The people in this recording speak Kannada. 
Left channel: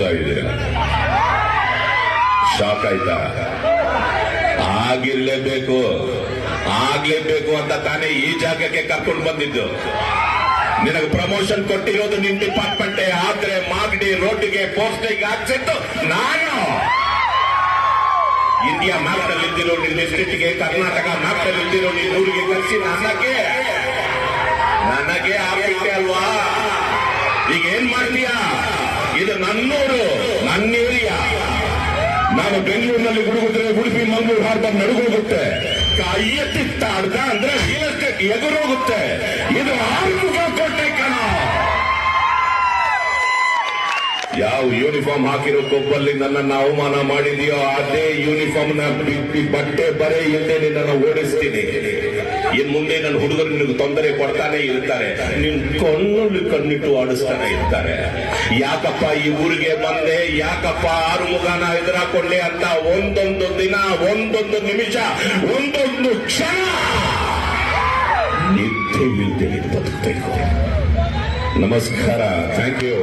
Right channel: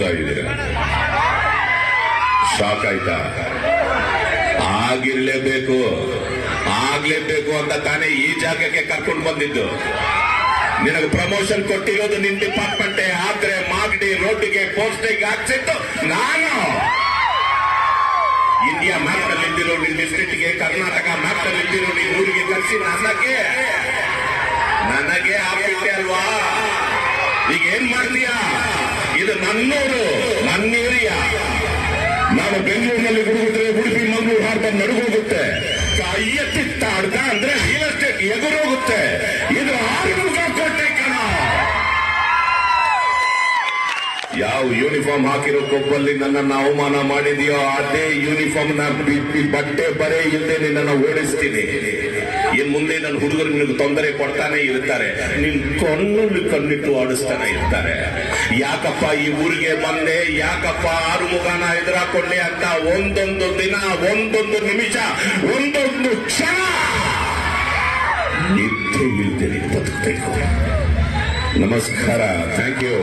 ನೋಡ್ತಾ ಇದ್ದೀರಾ? ಶಾಕ್ ಆಯ್ತಾ? ಆಗ್ಲೇಬೇಕು ಅಂತ ತಾನೇ ಈ ಜಾಗಕ್ಕೆ ಕರ್ಕೊಂಡು ಬಂದಿದ್ದು. ನಿನಗೆ ಪ್ರಮೋಷನ್ ಕೊಟ್ಟಿರೋದು ನಿನ್ ಡಿಪಾರ್ಟ್ಮೆಂಟೇ ಆದ್ರೆ ಮಾಗಡಿ ರೋಡ್ಗೆ ಪೋಸ್ಟಿಗೆ ಹಾಕ್ಸಿತ್ತು ನಾನು. ಇಂಡಿಯಾ ಮ್ಯಾಪ್ ನಲ್ಲಿ ಇದ್ದಿರೋ ನಿನ್ ಡಿಸ್ಟ್ರಿಕ್ಟ್ಗೆ, ಕರ್ನಾಟಕ ಮ್ಯಾಪ್ ನಲ್ಲಿ ಇದ್ದಿರೋ ನಿನ್ ಊರಿಗೆ ಕಳಿಸಿ ನನಗೆ ಆಗ್ಬಿಟ್ಟೆ ಅಲ್ವಾ? ಈಗ ಏನ್ ಮಾಡ್ತೀಯಾ? ಇದು ನನ್ನೂರು, ನನ್ನ ಏರಿಯಾ. ನಾನು ಬೆಂಗಳೂರಿನಲ್ಲಿ ಗುಡುಗುದ್ರೆ ಉಡುಪಿ ಮಂಗಳೂರು ಹಾರ್ಬರ್ ನಡುಗೋಗುತ್ತೆ. ಎತ್ತಿತ್ತಾಡ್ದ ಅಂದ್ರೆ ರಿಯಲ್ ಎಸ್ಟೇಟ್ ಎದುರೋಗುತ್ತೆ. ಇದು ಆರ್ಮುಗ ಕೋಟೆ ಕಣ. ಯಾವ ಯೂನಿಫಾರ್ಮ್ ಹಾಕಿರೋ ಕೊಬ್ಬಲ್ಲಿ ನನ್ನನ್ನು ಅವಮಾನ ಮಾಡಿದೆಯೋ ಅದೇ ಯೂನಿಫಾರ್ಮ್ ನ ಬಟ್ಟೆ ಬರೆ ಇಲ್ಲದೆ ನಿನ್ನನ್ನು ಓಡಿಸ್ತೀನಿ. ಇನ್ ಮುಂದೆ ನನ್ನ ಹುಡುಗರು ನಿನಗೆ ತೊಂದರೆ ಕೊಡ್ತಾನೆ ಇರ್ತಾರೆ, ನಿನ್ ಕಣ್ಣಿಟ್ಟು ಆಡಿಸ್ತಾನೆ ಇರ್ತಾರೆ. ಯಾಕಪ್ಪ ಈ ಊರಿಗೆ ಬಂದೆ, ಯಾಕಪ್ಪ ಆರುಮುಗನ ಎದುರಾಕೊಂಡೆ ಅಂತ ಒಂದೊಂದು ದಿನ, ಒಂದೊಂದು ನಿಮಿಷ, ಒಂದೊಂದು ಕ್ಷಣ ನಿದ್ದೆ ಇಲ್ದೆ ಬದುಕಬೇಕು. ನಮಸ್ಕಾರ. Thank you.